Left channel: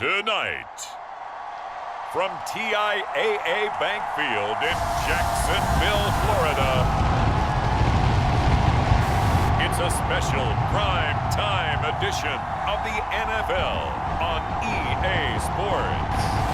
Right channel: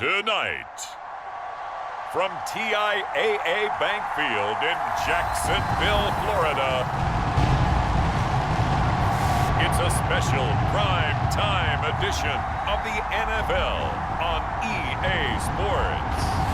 Tonight, from TIAA Bank Field in Jacksonville, Florida, it's a special prime time edition of the NFL on EA Sports.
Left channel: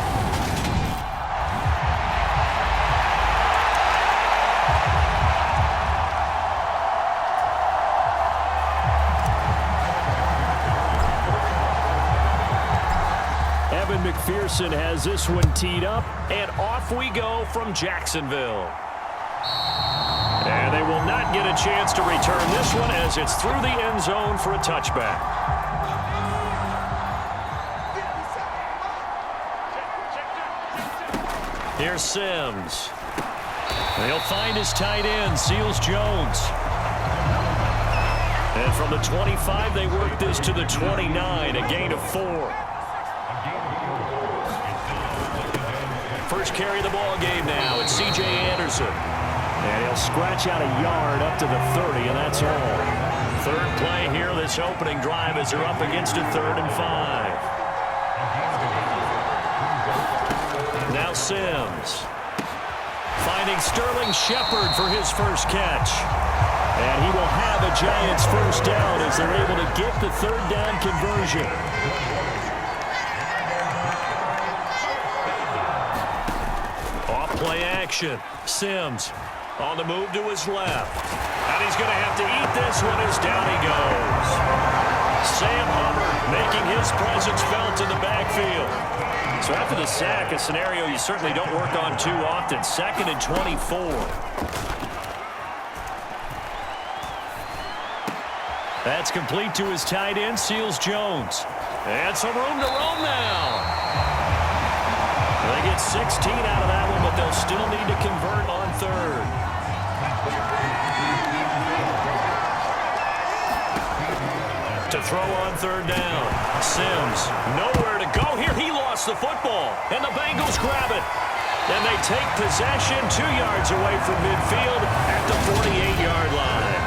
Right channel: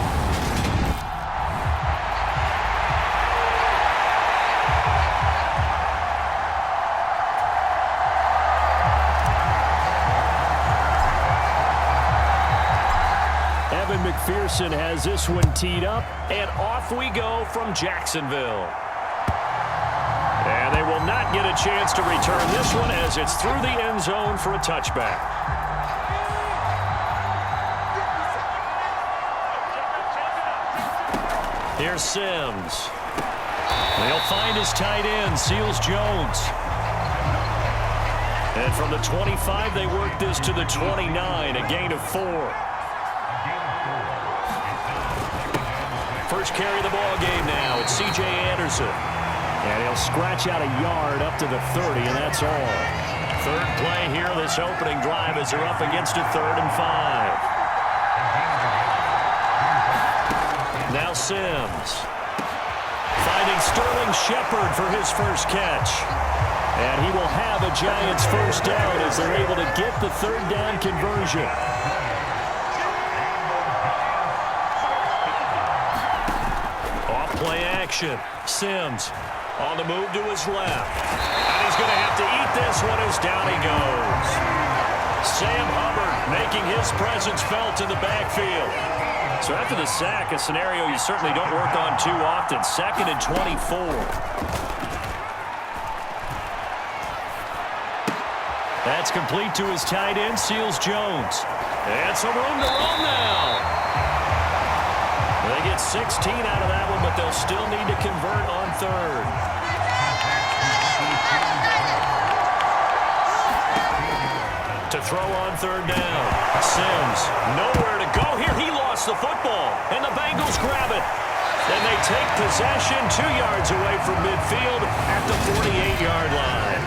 Evan McPherson has this one teed up, and off we go from Jacksonville. And they will not get a chance to return this one as it's through the end zone for a touchback. Here's Sims. They'll find his tight end, Seals Jones. And from the 25, they work this to the 29, a gain of 4. First carry of the ball game now. It's C.J. Anderson. And he'll scratch out a yard up to the 30, and that's all. Third play here, this opening drive, as they're up against a 3rd and 5. Now Sims. Finding Sterling Shepard for his first catch. And he will have a Giants first down as they're able to get the 3rd down conversion. Play action. Sims on the move to his left. And he's going to have to eat this one as down he goes. Sam Hubbard making his presence felt in the backfield. So after the sack, a scenario you certainly don't work on too often. 2nd and 24. That's complete to his tight end, Seals Jones. And some room to roam now. They get 16 out of that one, but they'll still need to convert on 3rd. To throw on 3rd down. Sims, nowhere to go here. He lost the football, and the Bengals grab it. And they take possession 2 yards away from midfield at the 48-yard line.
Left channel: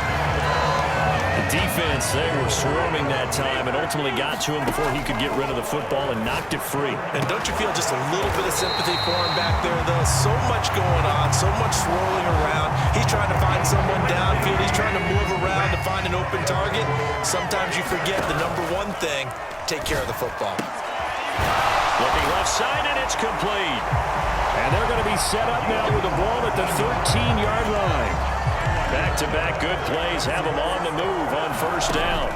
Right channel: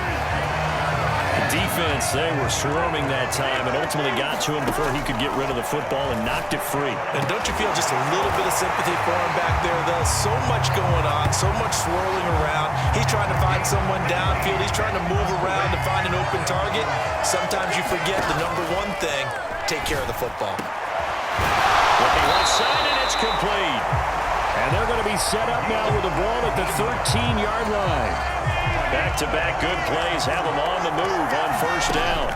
The defense, they were swarming that time and ultimately got to him before he could get rid of the football and knocked it free. And don't you feel just a little bit of sympathy for him back there, though? So much going on, so much swirling around. He's trying to find someone downfield. He's trying to move around to find an open target. Sometimes you forget the number one thing, take care of the football. Looking left side, and it's complete. And they're going to be set up now with the ball at the 13-yard line. Back-to-back good plays have them on the move on 1st down.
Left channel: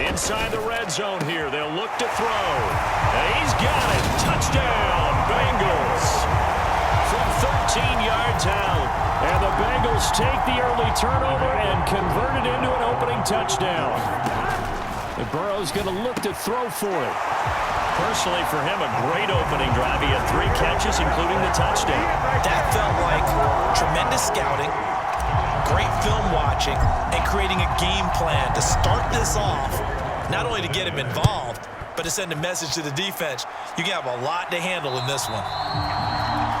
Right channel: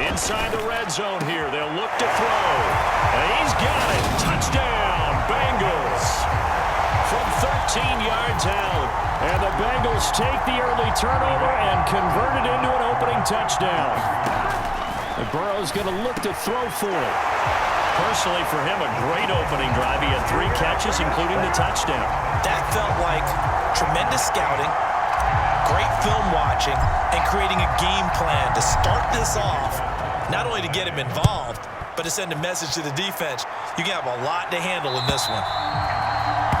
Inside the red zone here, they'll look to throw. And he's got it. Touchdown, Bengals. From 13 yards out. And the Bengals take the early turnover and convert it into an opening touchdown. And Burrow's going to look to throw for it. Personally, for him, a great opening drive. He had 3 catches, including the touchdown. That felt like tremendous scouting, great film watching, and creating a game plan to start this off, not only to get him involved, but to send a message to the defense. You can have a lot to handle in this one.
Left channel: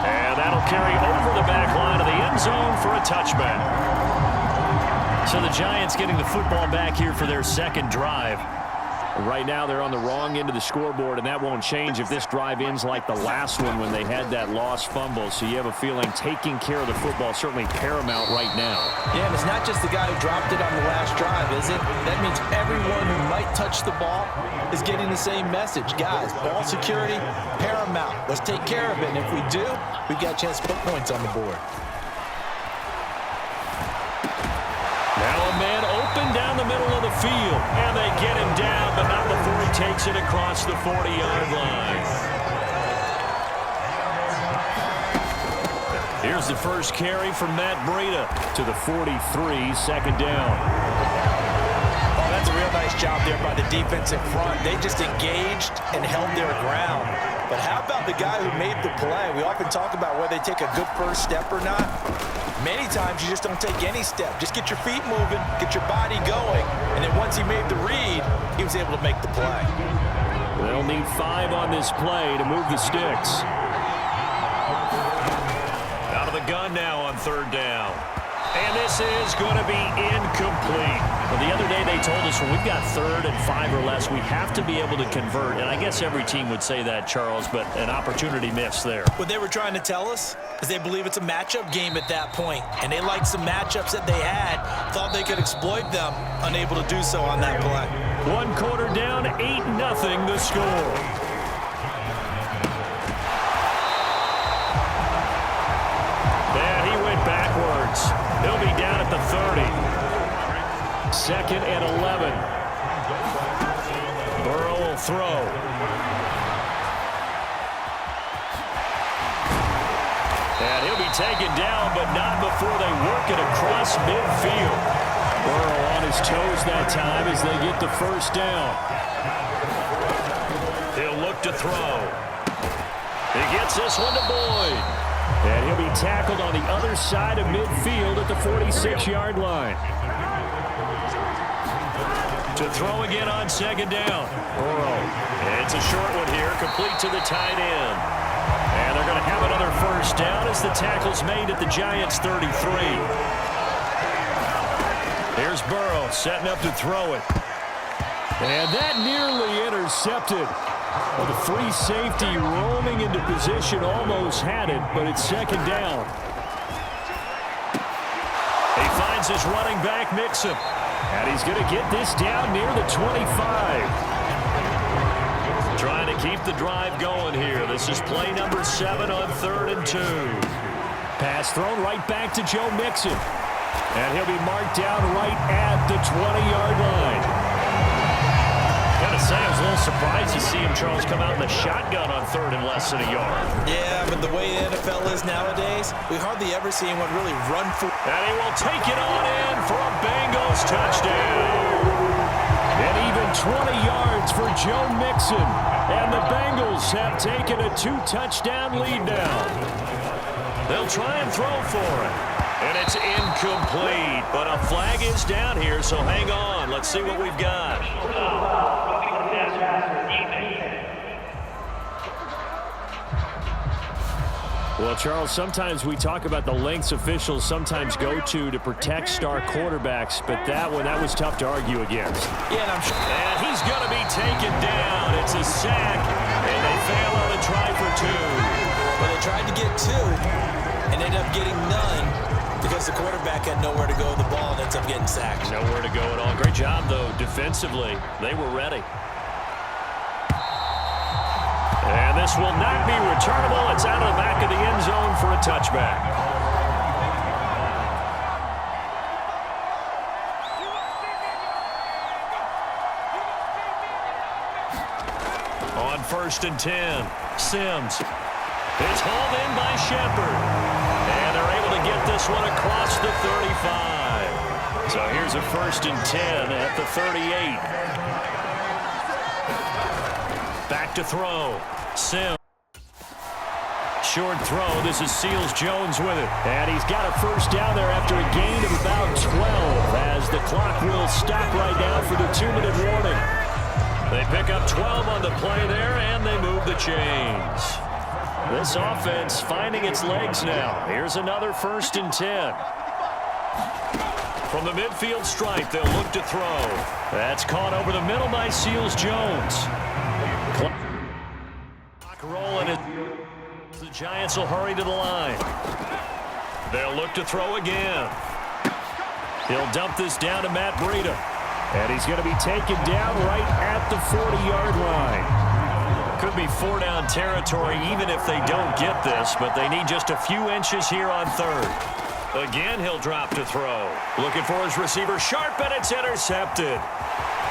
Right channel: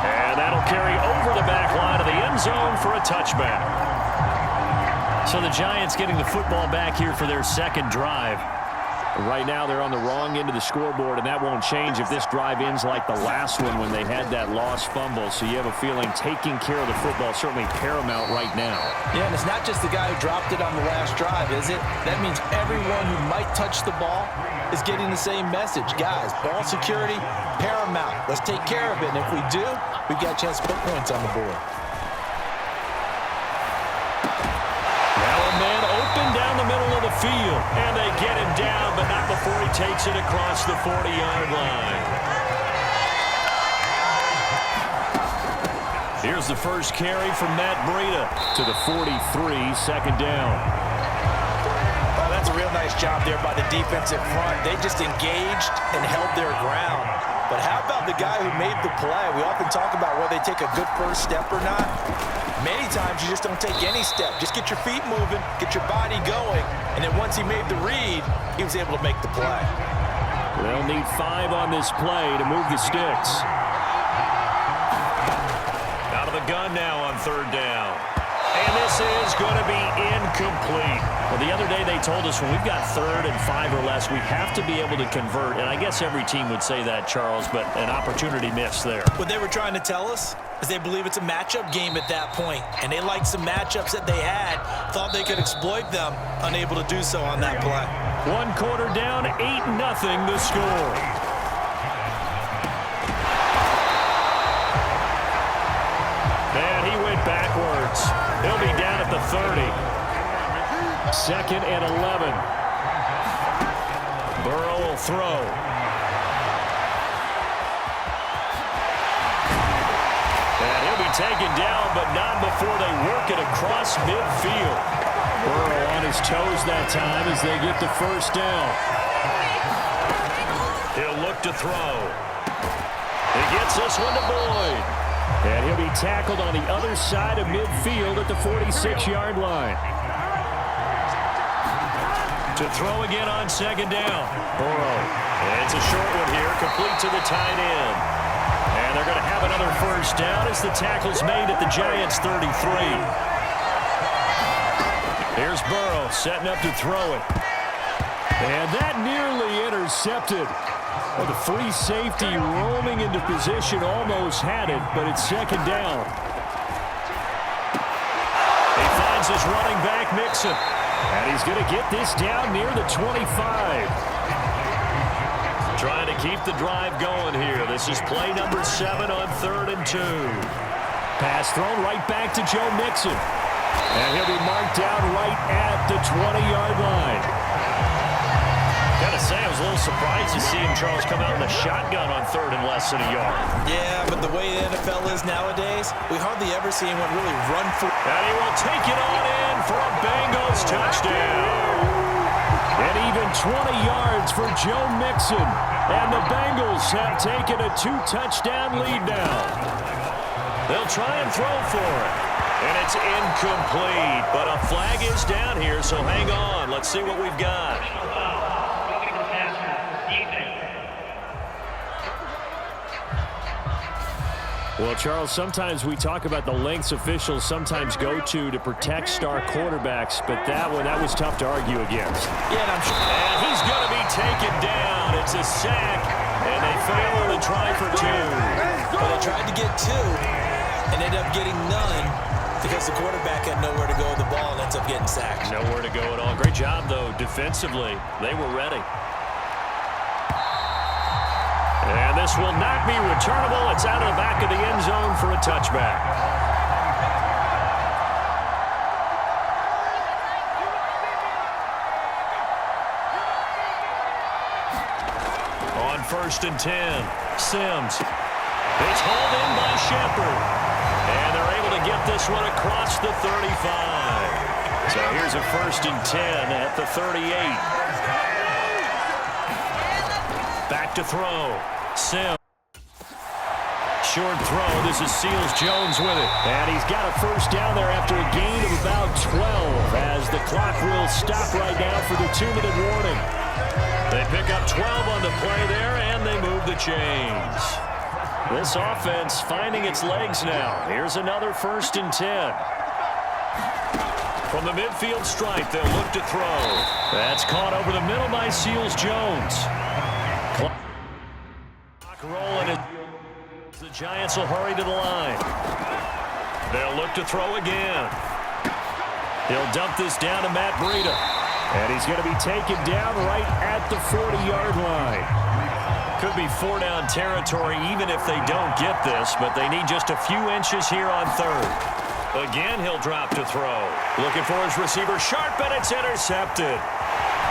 And that'll carry over the back line of the end zone for a touchback. So the Giants getting the football back here for their 2nd drive. Right now they're on the wrong end of the scoreboard, and that won't change if this drive ends like the last one when they had that lost fumble. So you have a feeling taking care of the football certainly paramount right now. Yeah, and it's not just the guy who dropped it on the last drive, is it? That means everyone who might touch the ball is getting the same message. Guys, ball security, paramount. Let's take care of it, and if we do, we've got a chance to put points on the board. Now a man open down the middle of the field, and they get him down, but not before he takes it across the 40-yard line. Here's the first carry from Matt Breida to the 43, 2nd down. Oh, that's a real nice job there by the defense in front. They just engaged and held their ground. But how about the guy who made the play? We often talk about whether they take a good first step or not. Many times you just don't take any step. Just get your feet moving, get your body going, and then once he made the read, he was able to make the play. They'll need 5 on this play to move the sticks. Out of the gun now on 3rd down. And this is going to be incomplete. Well, the other day they told us when we've got 3rd and 5 or less, we have to be able to convert. And I guess every team would say that, Charles, but an opportunity missed there. What they were trying to tell us is they believe it's a matchup game at that point. And they liked some matchups that they had, thought they could exploit them, unable to do so on that play. 1 quarter down, 8-0 the score. And he went backwards. He'll be down at the 30. 2nd and 11. Burrow will throw. And he'll be taken down, but not before they work it across midfield. Burrow on his toes that time as they get the first down. He'll look to throw. He gets this one to Boyd. And he'll be tackled on the other side of midfield at the 46-yard line. To throw again on 2nd down. Burrow. And it's a short one here, complete to the tight end. And they're going to have another first down as the tackle's made at the Giants' 33. Here's Burrow setting up to throw it. And that nearly intercepted. Well, the free safety roaming into position almost had it, but it's 2nd down. He finds his running back, Mixon. And he's going to get this down near the 25. Trying to keep the drive going here. This is play number 7 on 3rd and 2. Pass thrown right back to Joe Mixon. And he'll be marked down right at the 20-yard line. Gotta say, I was a little surprised to see him, Charles, come out in the shotgun on 3rd and less than a yard. Yeah, but the way the NFL is nowadays, we hardly ever see anyone really run for. And he will take it on in for a Bengals touchdown. And even 20 yards for Joe Mixon. And the Bengals have taken a 2-touchdown lead now. They'll try and throw for it. And it's incomplete, but a flag is down here, so hang on. Let's see what we've got. Well, Charles, sometimes we talk about the lengths officials sometimes go to protect star quarterbacks, but that was tough to argue against. Yeah, and I'm sure. And he's going to be taken down. It's a sack, and they fail on the try for 2. Well, they tried to get 2 and ended up getting none because the quarterback had nowhere to go with the ball and ends up getting sacked. Nowhere to go at all. Great job, though, defensively. They were ready. And this will not be returnable. It's out of the back of the end zone for a touchback. On 1st and 10, Sims. It's hauled in by Shepard. And they're able to get this one across the 35. So here's a 1st and 10 at the 38. Back to throw. Sims. Short throw. This is Seals-Jones with it. And he's got a first down there after a gain of about 12 as the clock will stop right now for the 2-minute warning. They pick up 12 on the play there, and they move the chains. This offense finding its legs now. Here's another 1st and 10. From the midfield stripe, they'll look to throw. That's caught over the middle by Seals-Jones. Clock rolling. The Giants will hurry to the line. They'll look to throw again. He'll dump this down to Matt Breida. And he's going to be taken down right at the 40-yard line. Could be 4-down territory even if they don't get this, but they need just a few inches here on 3rd. Again, he'll drop to throw. Looking for his receiver, Sharp, and it's intercepted.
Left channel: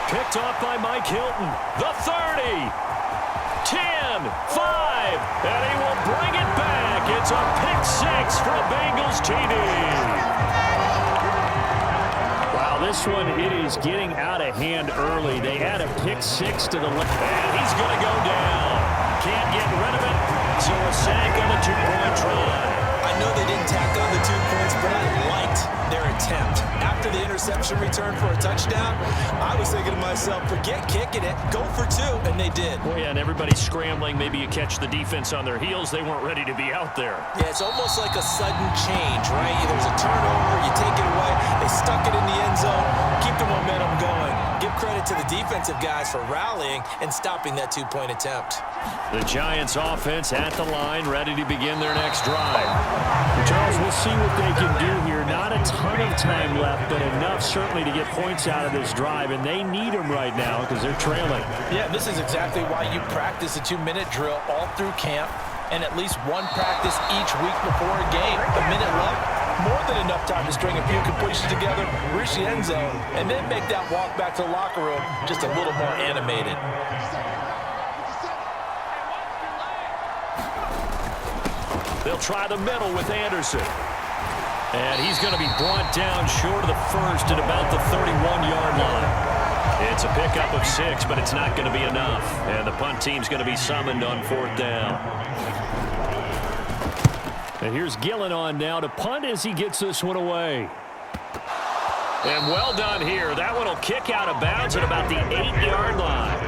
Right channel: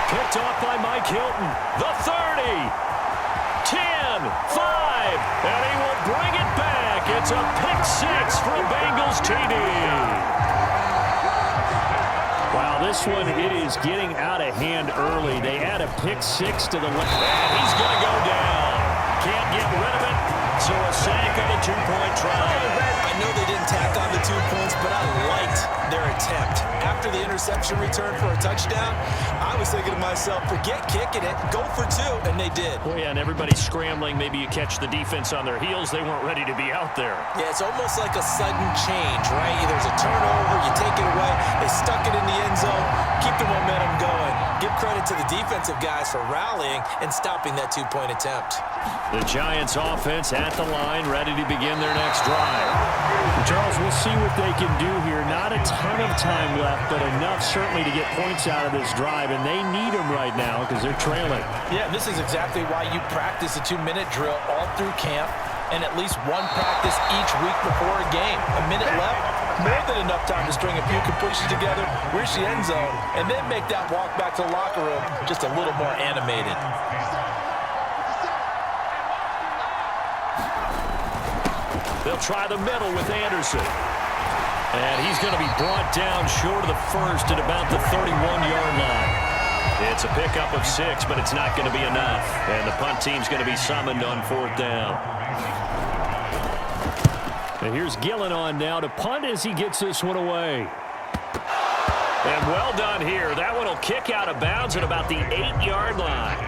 Picked off by Mike Hilton. The 30. 10, 5, and he will bring it back. It's a pick-6 for a Bengals TD. Wow, this one, it is getting out of hand early. They add a pick-6 to the left. And he's going to go down. Can't get rid of it, so a sack on the 2-point try. I I know they didn't tack on the 2 points, but I liked their attempt. After the interception return for a touchdown, I was thinking to myself, forget kicking it, go for 2, and they did. Well, yeah, and everybody's scrambling. Maybe you catch the defense on their heels. They weren't ready to be out there. Yeah, it's almost like a sudden change, right? There's a turnover, you take it away, they stuck it in the end zone, keep the momentum going. Give credit to the defensive guys for rallying and stopping that 2-point attempt. The Giants offense at the line, ready to begin their next drive. Charles, we'll see what they can do here. Not a ton of time left, but enough certainly to get points out of this drive, and they need them right now because they're trailing. Yeah, this is exactly why you practice a 2-minute drill all through camp and at least one practice each week before a game. A minute left, more than enough time to string a few completions together, reach the end zone, and then make that walk back to the locker room just a little more animated. They'll try the middle with Anderson. And he's going to be brought down short of the first at about the 31-yard line. It's a pickup of 6, but it's not going to be enough. And the punt team's going to be summoned on 4th down. And here's Gillen on now to punt as he gets this one away. And well done here. That one will kick out of bounds at about the 8-yard line.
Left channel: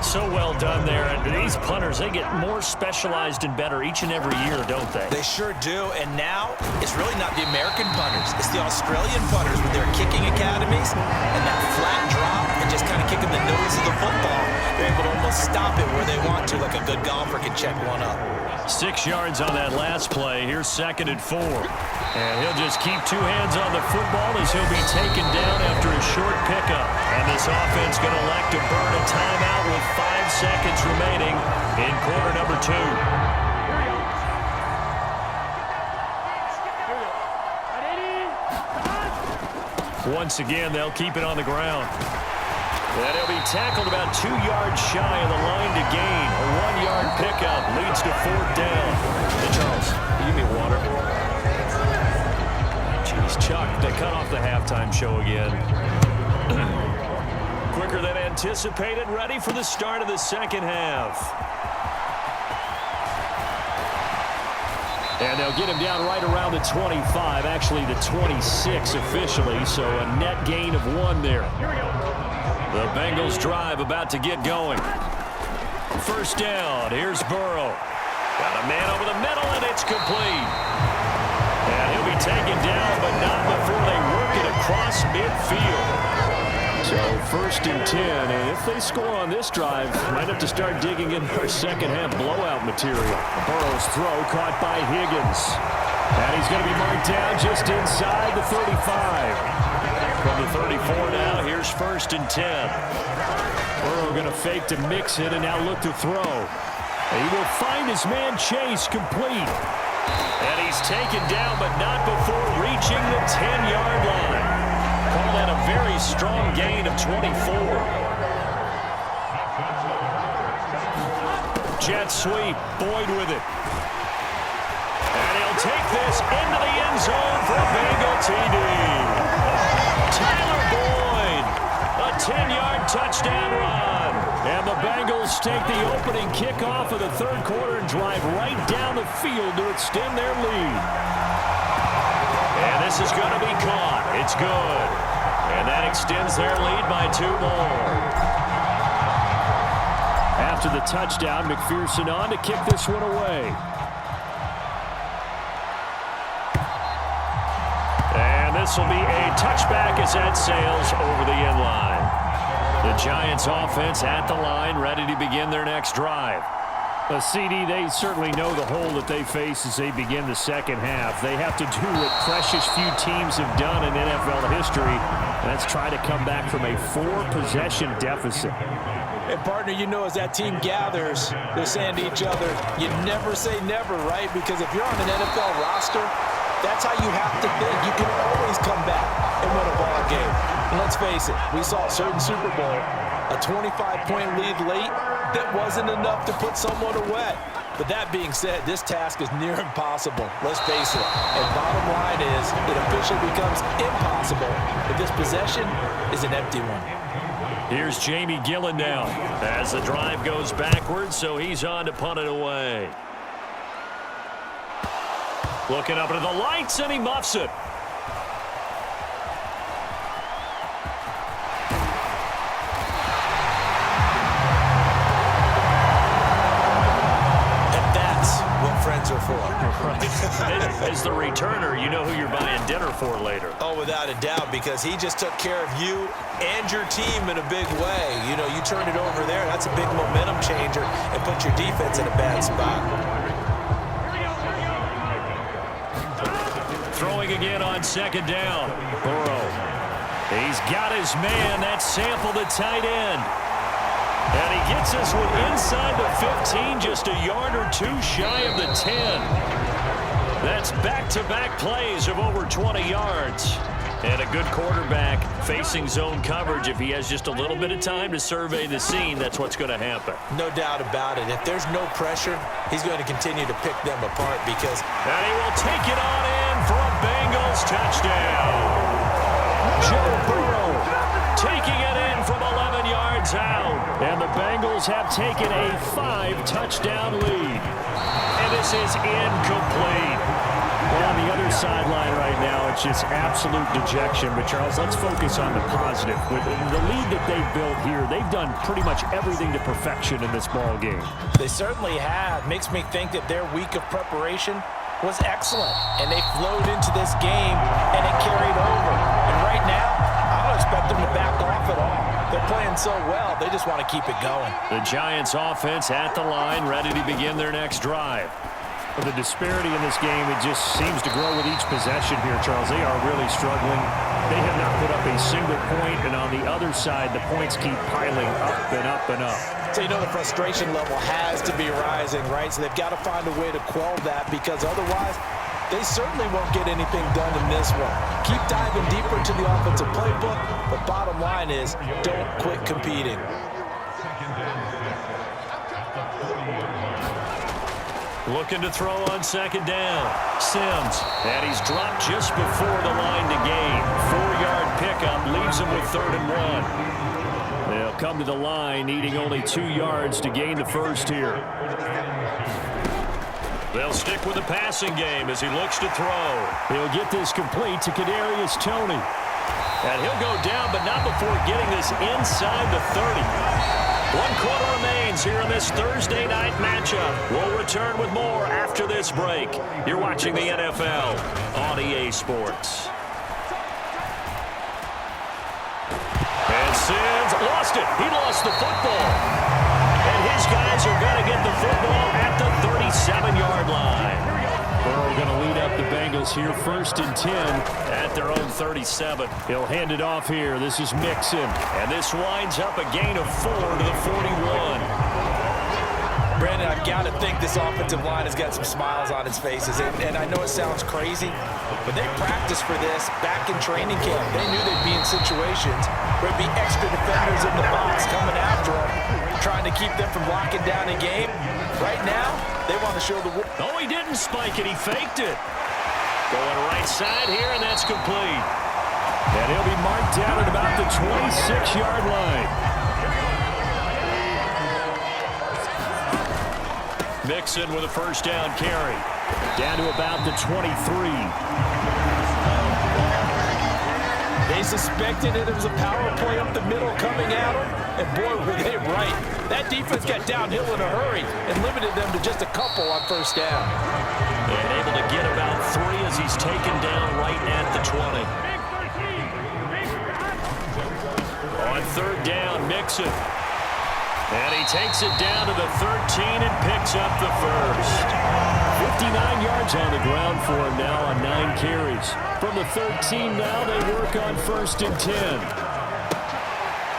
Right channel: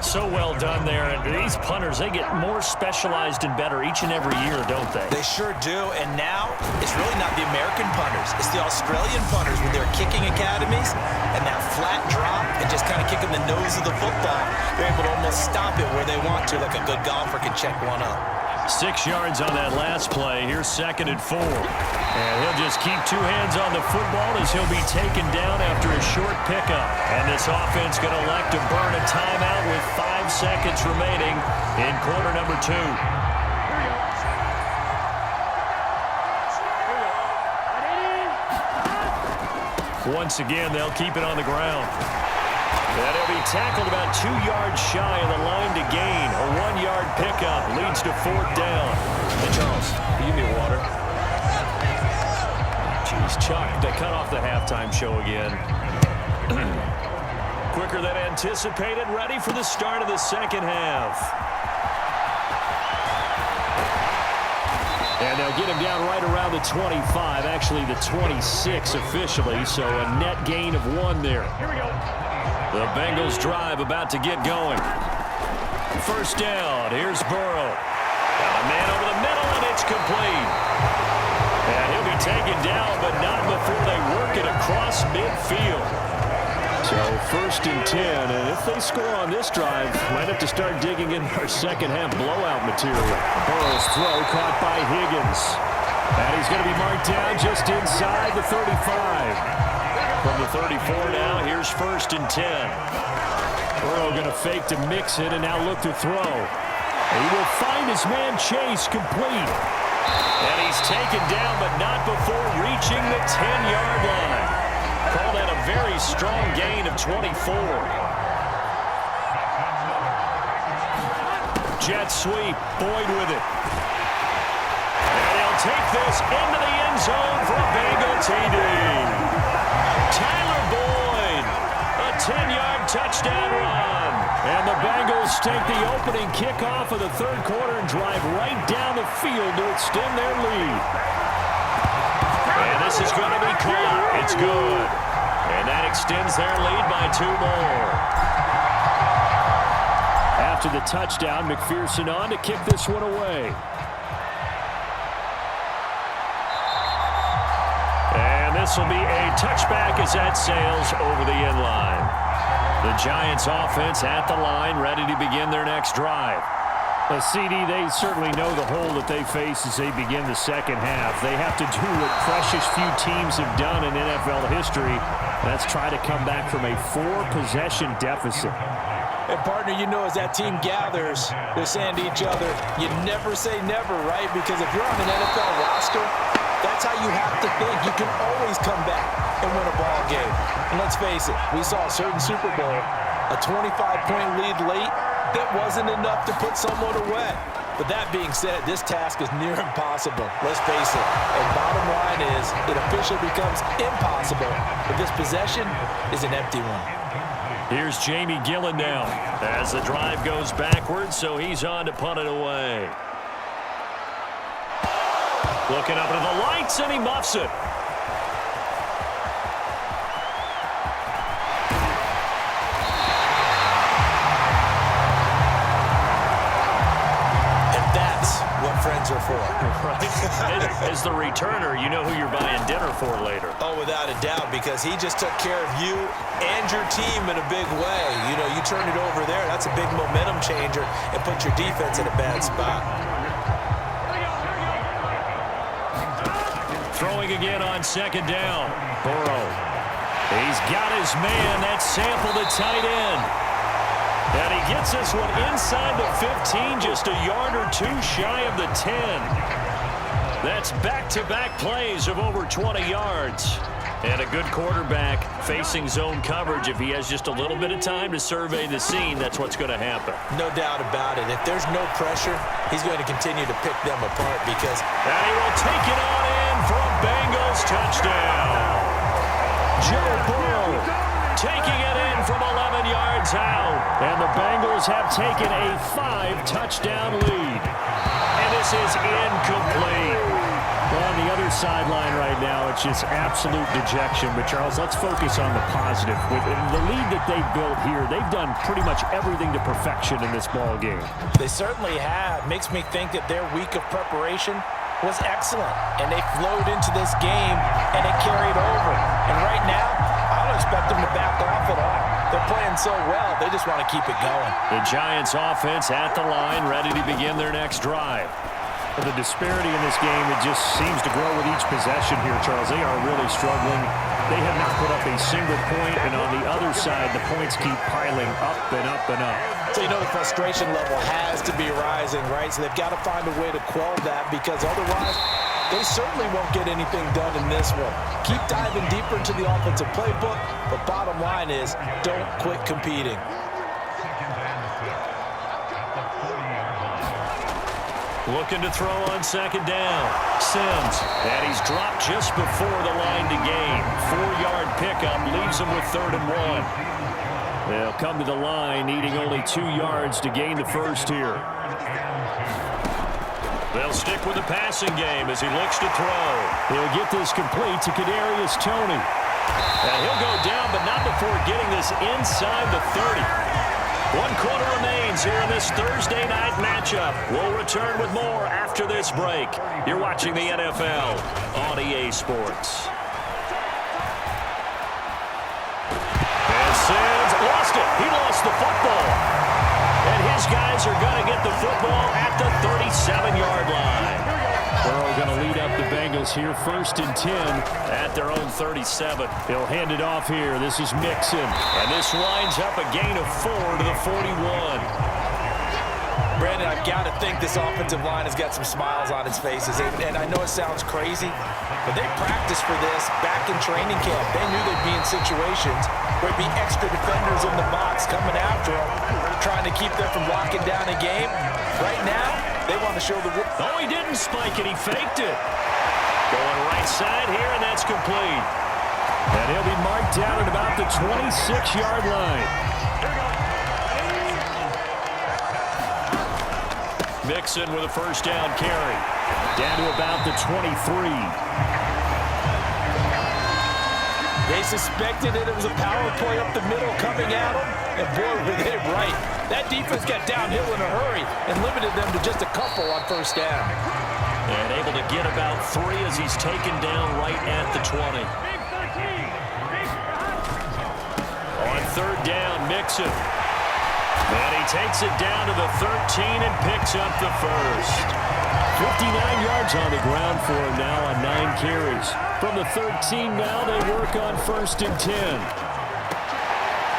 So well done there. And these punters, they get more specialized and better each and every year, don't they? They sure do. And now it's really not the American punters. It's the Australian punters with their kicking academies and that flat drop and just kind of kicking the nose of the football. They're able to almost stop it where they want to, like a good golfer can check one up. 6 yards on that last play. Here's 2nd and 4. And he'll just keep 2 hands on the football as he'll be taken down after a short pickup. And this offense going to elect to burn a timeout with 5 seconds remaining in quarter number 2. Once again, they'll keep it on the ground. And he'll be tackled about 2 yards shy of the line to gain. A 1-yard pickup leads to 4th down. Hey, Charles, can you give me a water? Jeez, Chuck, they cut off the halftime show again. Quicker than anticipated, ready for the start of the second half. And they'll get him down right around the 25, actually the 26 officially, so a net gain of 1 there. Here we go. The Bengals drive about to get going. 1st down. Here's Burrow. Got a man over the middle, and it's complete. And he'll be taken down, but not before they work it across midfield. So 1st and 10, and if they score on this drive, might have to start digging in our second half blowout material. Burrow's throw caught by Higgins. And he's going to be marked down just inside the 35. From the 34 now, here's 1st and 10. Burrow going to fake to mix it and now look to throw. And he will find his man Chase complete. And he's taken down, but not before reaching the 10-yard line. Call that a very strong gain of 24. Jet sweep, Boyd with it. And he'll take this into the end zone for a Bengal TD. Tyler Boyd, a 10-yard touchdown run. And the Bengals take the opening kickoff of the 3rd quarter and drive right down the field to extend their lead. And this is going to be caught. It's good. And that extends their lead by 2 more. After the touchdown, McPherson on to kick this one away. And this will be a touchback as that sails over the end line. The Giants offense at the line, ready to begin their next drive. CD, they certainly know the hole that they face as they begin the second half. They have to do what precious few teams have done in NFL history. That's try to come back from a 4-possession deficit. And, partner, you know, as that team gathers, they're saying to each other, you never say never, right? Because if you're on an NFL roster, that's how you have to think. You can always come back and win a ball game. And let's face it, we saw a certain Super Bowl, a 25-point lead late, that wasn't enough to put someone away. But that being said, this task is near impossible. Let's face it. And bottom line is, it officially becomes impossible if this possession is an empty one. Here's Jamie Gillen now as the drive goes backwards, so he's on to punt it away. Looking up into the lights, and he muffs it. What friends are for. Right. As the returner, you know who you're buying dinner for later. Oh, without a doubt, because he just took care of you and your team in a big way. You know, you turn it over there, that's a big momentum changer, and put your defense in a bad spot. Throwing again on second down. Burrow. He's got his man. That's Sample, the tight end. And he gets this one inside the 15, just a yard or two shy of the 10. That's back-to-back plays of over 20 yards. And a good quarterback facing zone coverage. If he has just a little bit of time to survey the scene, that's what's going to happen. No doubt about it. If there's no pressure, he's going to continue to pick them apart because... And he will take it on in for a Bengals touchdown. Joe Burrow taking it in from 11 yards out. And the Bengals have taken a 5-touchdown lead. And this is incomplete. Well, on the other sideline right now, it's just absolute dejection. But, Charles, let's focus on the positive. With the lead that they've built here, they've done pretty much everything to perfection in this ball game. They certainly have. Makes me think that their week of preparation was excellent. And they flowed into this game, and it carried over. And right now, I don't expect them to back off at all. They're playing so well, they just want to keep it going. The Giants offense at the line, ready to begin their next drive. The disparity in this game, it just seems to grow with each possession here, Charles. They are really struggling. They have not put up a single point, and on the other side, the points keep piling up and up and up. So you know the frustration level has to be rising, right? So they've got to find a way to quell that because otherwise they certainly won't get anything done in this one. Keep diving deeper into the offensive playbook, but bottom line is don't quit competing. Looking to throw on second down. Sims. And he's dropped just before the line to gain. 4-yard pickup leaves him with 3rd and 1. They'll come to the line needing only 2 yards to gain the first here. They'll stick with the passing game as he looks to throw. He'll get this complete to Kadarius Toney. And he'll go down, but not before getting this inside the 30. 1 quarter remains here in this Thursday night matchup. We'll return with more after this break. You're watching the NFL on EA Sports. And Sims lost it. He lost the football. And his guys are going to get the football at the 37-yard line. Burrow going to lead up the Bengals here, 1st and 10. At their own 37. He'll hand it off here. This is Mixon. And this winds up a gain of 4 to the 41. Brandon, I've got to think this offensive line has got some smiles on its faces. And I know it sounds crazy, but they practiced for this back in training camp. They knew they'd be in situations where it'd be extra defenders in the box coming after them, trying to keep them from locking down a game. Right now, they want to show the... Oh, he didn't spike it. He faked it. Going right side here, and that's complete. And he'll be marked down at about the 26-yard line. Mixon with a 1st down carry. Down to about the 23. They suspected it was a power play up the middle coming at them, and boy, were they right. That defense got downhill in a hurry and limited them to just a couple on 1st down. And able to get about 3 as he's taken down right at the 20. On 3rd down, Mixon. And he takes it down to the 13 and picks up the first. 59 yards on the ground for him now on 9 carries. From the 13 now, they work on 1st and 10.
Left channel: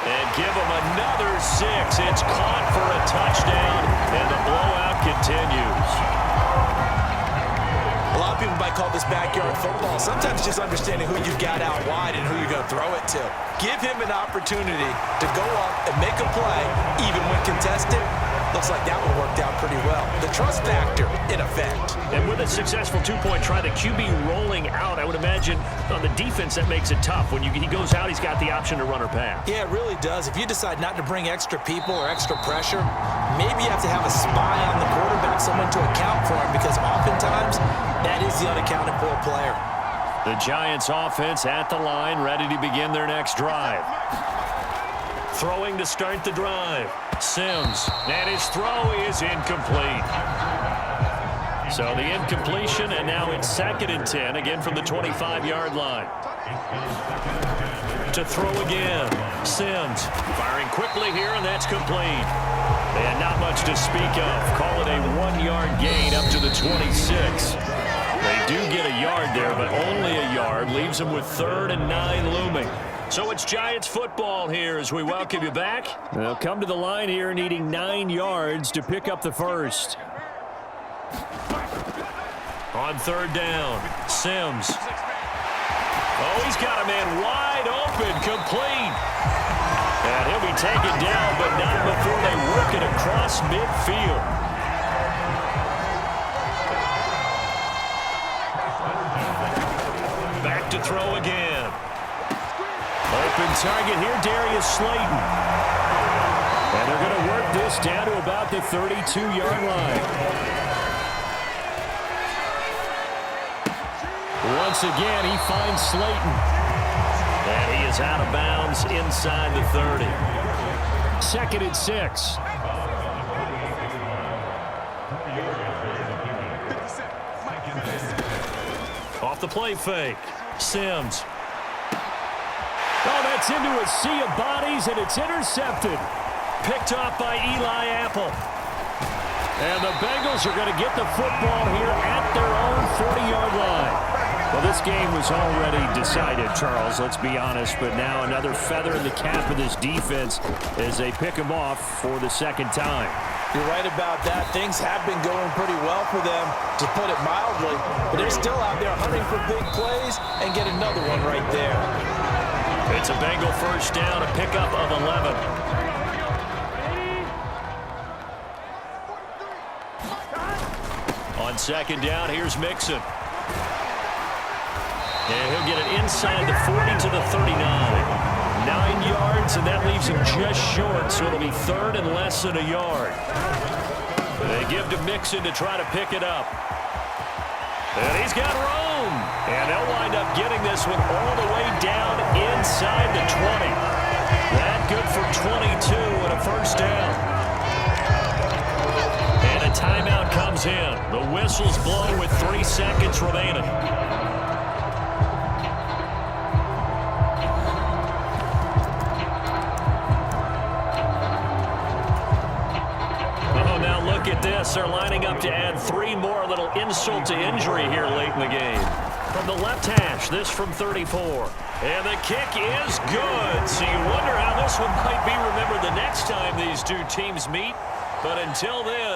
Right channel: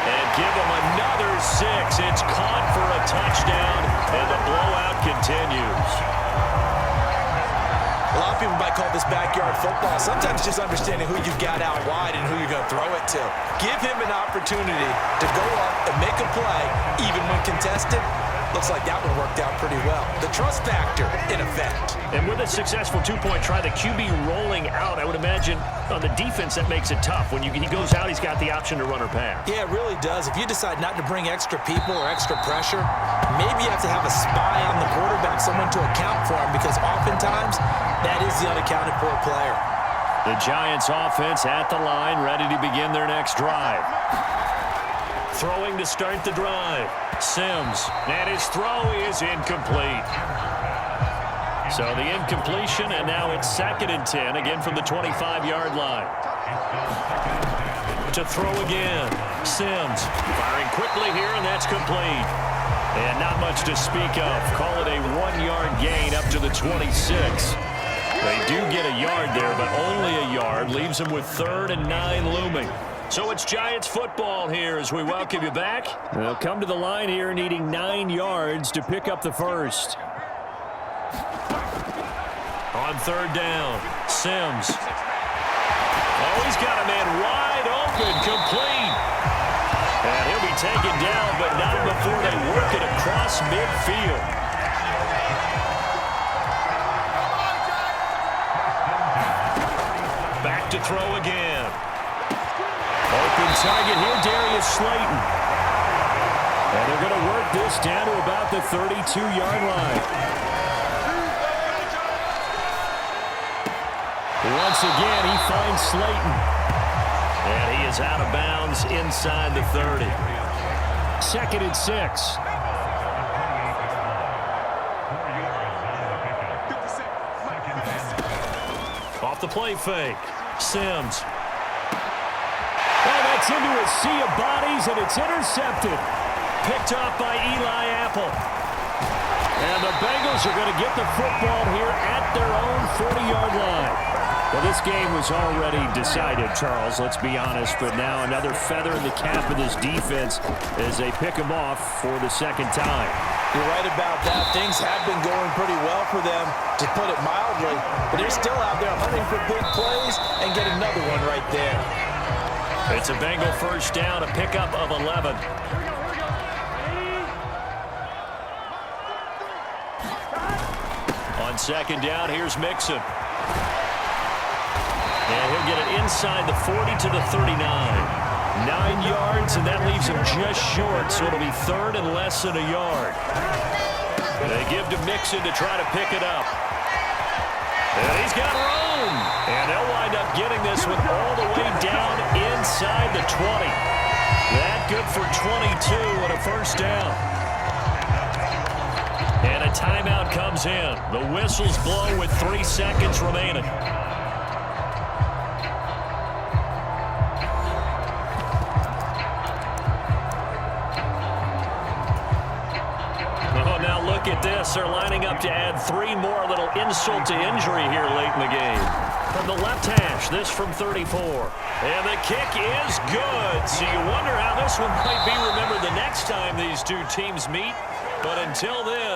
And give him another 6. It's caught for a touchdown, and the blowout continues. A lot of people might call this backyard football. Sometimes just understanding who you've got out wide and who you're going to throw it to. Give him an opportunity to go up and make a play, even when contested. Looks like that one worked out pretty well. The trust factor in effect. And with a successful two-point try, the QB rolling out, I would imagine on the defense that makes it tough. When he goes out, he's got the option to run or pass. Yeah, it really does. If you decide not to bring extra people or extra pressure, maybe you have to have a spy on the quarterback, someone to account for him, because oftentimes that is the unaccounted for player. The Giants offense at the line, ready to begin their next drive. Throwing to start the drive. Sims, and his throw is incomplete. So the incompletion, and now it's 2nd and 10, again from the 25-yard line. To throw again. Sims firing quickly here, and that's complete. And not much to speak of. Call it a 1-yard gain up to the 26. They do get a yard there, but only a yard. Leaves them with 3rd and 9 looming. So it's Giants football here as we welcome you back. They'll come to the line here needing 9 yards to pick up the first. On 3rd down, Sims. Oh, he's got a man wide open, complete. And he'll be taken down, but not before they work it across midfield. Back to throw again. Open target here, Darius Slayton. And they're going to work this down to about the 32-yard line. Once again, he finds Slayton. And he is out of bounds inside the 30. 2nd and 6. Off the play fake. Sims. Oh, that's into a sea of bodies, and it's intercepted. Picked off by Eli Apple. And the Bengals are going to get the football here at their own 40-yard line. Well, this game was already decided, Charles, let's be honest, but now another feather in the cap of this defense as they pick them off for the 2nd time. You're right about that. Things have been going pretty well for them, to put it mildly, but they're still out there hunting for big plays and get another one right there. It's a Bengal first down, a pickup of 11. On 2nd down, here's Mixon. And he'll get it inside the 40 to the 39. 9 yards, and that leaves him just short, so it'll be 3rd and less than a yard. They give to Mixon to try to pick it up. And he's got room. And they'll wind up getting this one all the way down inside the 20. That good for 22 and a first down. And a timeout comes in. The whistle's blown with 3 seconds remaining. Oh, now look at this. They're lining up to add 3 more, a little insult to injury here late in the game. From the left hash, this from 34. And the kick is good. So you wonder how this one might be remembered the next time these two teams meet. But until then,